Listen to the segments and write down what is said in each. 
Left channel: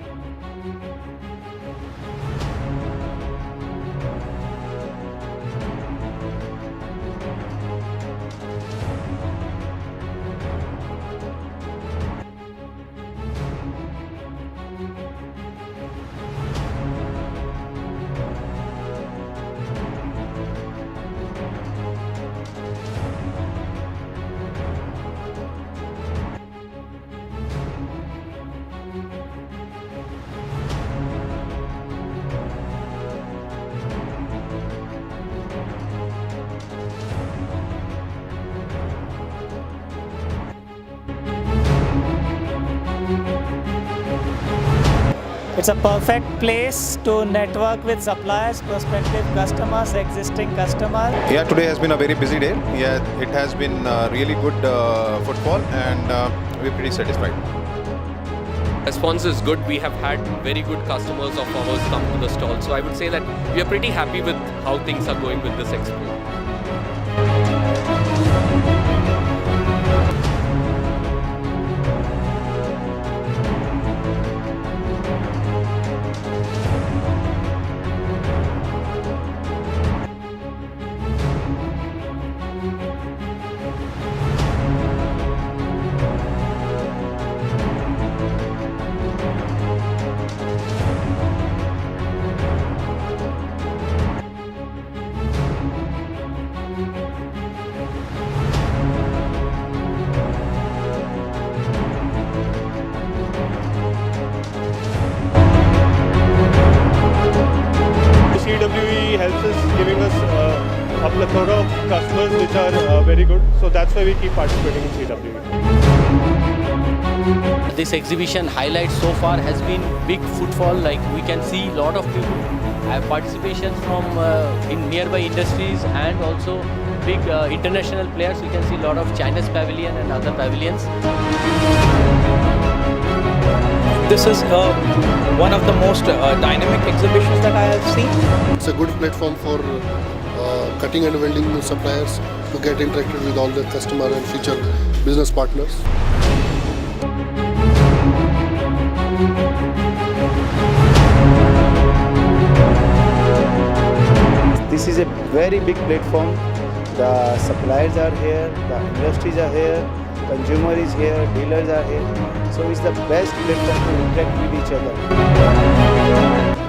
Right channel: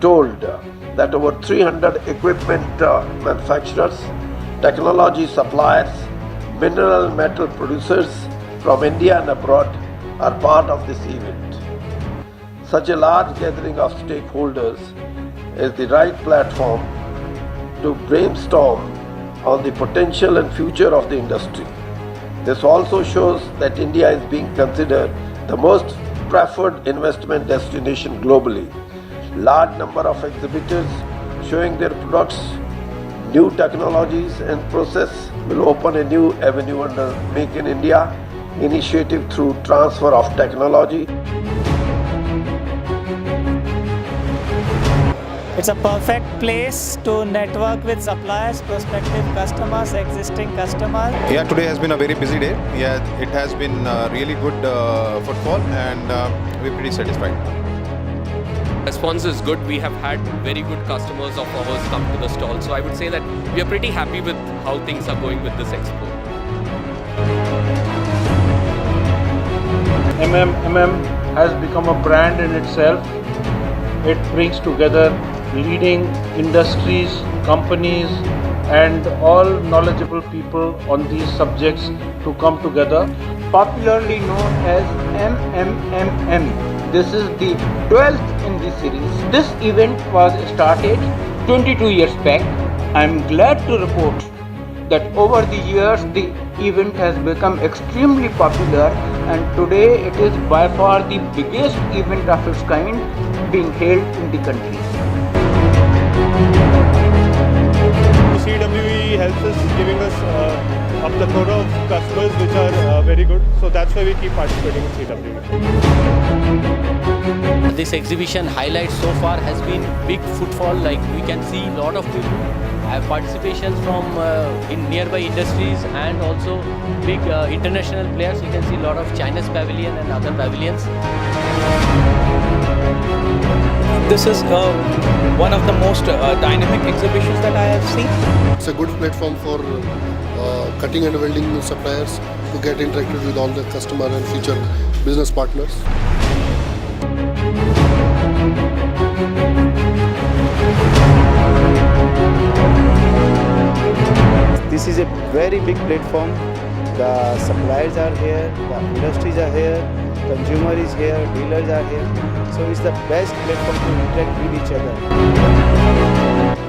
told that over 300 equipment manufacturers, technology suppliers, mineral metal producers from India and abroad are part of this event. Such a large gathering of stakeholders is the right platform to brainstorm on the potential and future of the industry. This also shows that India is being considered the most preferred investment destination globally. Large number of exhibitors showing their products, new technologies and process will open a new avenue under Make in India initiative through transfer of technology. It's a perfect place to network with suppliers, prospective customers, existing customers. Yeah, today has been a very busy day. Yeah, it has been really good footfall and we're pretty satisfied. Response is good. We have had very good customers of ours come to the stall. So I would say that we are pretty happy with how things are going with this expo. MMMM has become a brand in itself. It brings together leading industries, companies and all knowledgeable people on these subjects to come together. Popularly known as MMMM. This is the 12th in this series. This event was started 22 years back. I am glad to report that over the years the event has become extremely popular and today it is by far the biggest event of its kind being held in the country. CWE helps us giving us a plethora of customers which are very good. So that's why we keep participating in CWE. This exhibition highlight so far has been big footfall. Like we can see a lot of people have participations from in nearby industries and also big international players. We can see a lot of China's pavilion and other pavilions. This is one of the most dynamic exhibitions that I have seen. It's a good platform for cutting and welding suppliers to get interacted with all the customer and future business partners. This is a very big platform. The suppliers are here, the industries are here, consumer is here, dealers are here. So it's the best platform to interact with each other.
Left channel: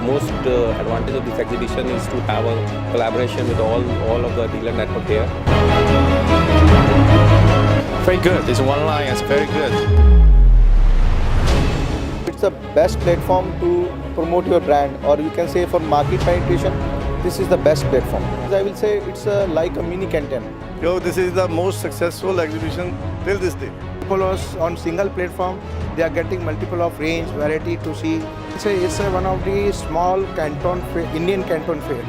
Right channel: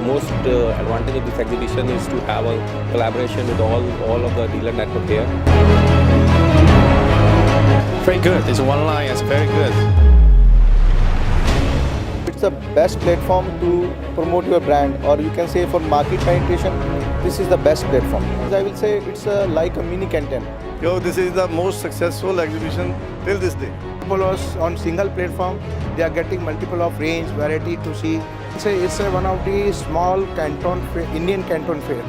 Most advantage of this exhibition is to have a collaboration with all of the dealer network here. Very good. It's one line. It's very good. It's the best platform to promote your brand, or you can say for market penetration. This is the best platform. I will say it's like a mini Canton. This is the most successful exhibition till this day. People are on single platform, they are getting multiple of range, variety to see. It's one of the small Canton fair, Indian Canton fair.